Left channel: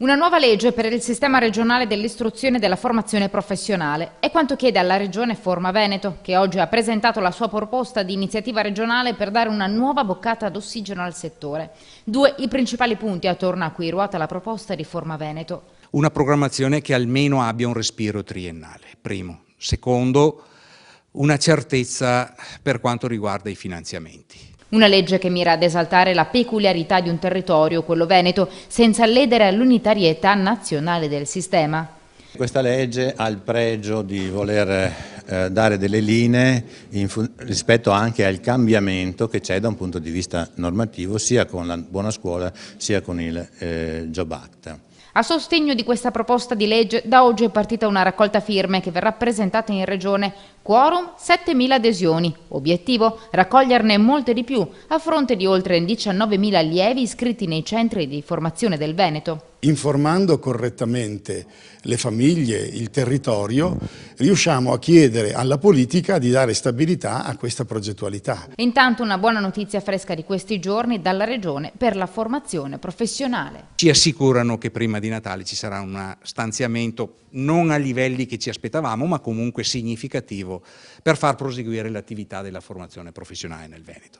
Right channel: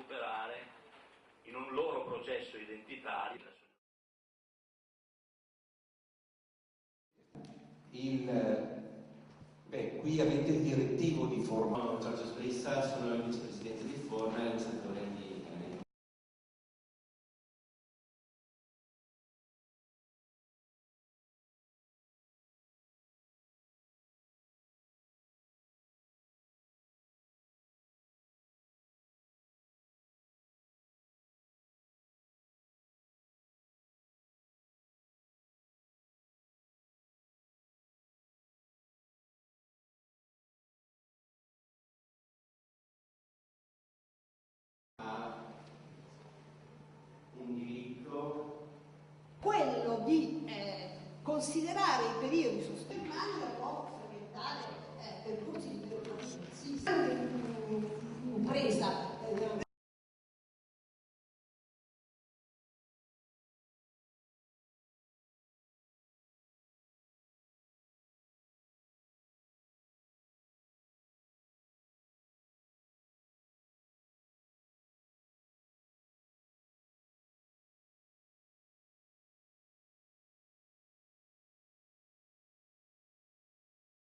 Una nuova legge per il sistema regionale dell'istruzione e della formazione professionale è quanto chiede alla Regione Forma Veneto, che oggi ha presentato la sua proposta di iniziativa regionale per dare una nuova boccata d'ossigeno al settore. Due i principali punti attorno a cui ruota la proposta di Forma Veneto. Una programmazione che almeno abbia un respiro triennale, primo. Secondo, una certezza per quanto riguarda i finanziamenti. Una legge che mira ad esaltare la peculiarità di un territorio, quello veneto, senza ledere l'unitarietà nazionale del sistema. Questa legge ha il pregio di voler dare delle linee rispetto anche al cambiamento che c'è da un punto di vista normativo, sia con la buona scuola sia con il Job Act. A sostegno di questa proposta di legge, da oggi è partita una raccolta firme che verrà presentata in Regione. Quorum 7.000 adesioni. Obiettivo? Raccoglierne molte di più, a fronte di oltre 19.000 allievi iscritti nei centri di formazione del Veneto. Informando correttamente le famiglie, il territorio, riusciamo a chiedere alla politica di dare stabilità a questa progettualità. Intanto una buona notizia fresca di questi giorni dalla Regione per la formazione professionale. Ci assicurano che prima di Natale ci sarà un stanziamento non a livelli che ci aspettavamo, ma comunque significativo per far proseguire l'attività della formazione professionale nel Veneto.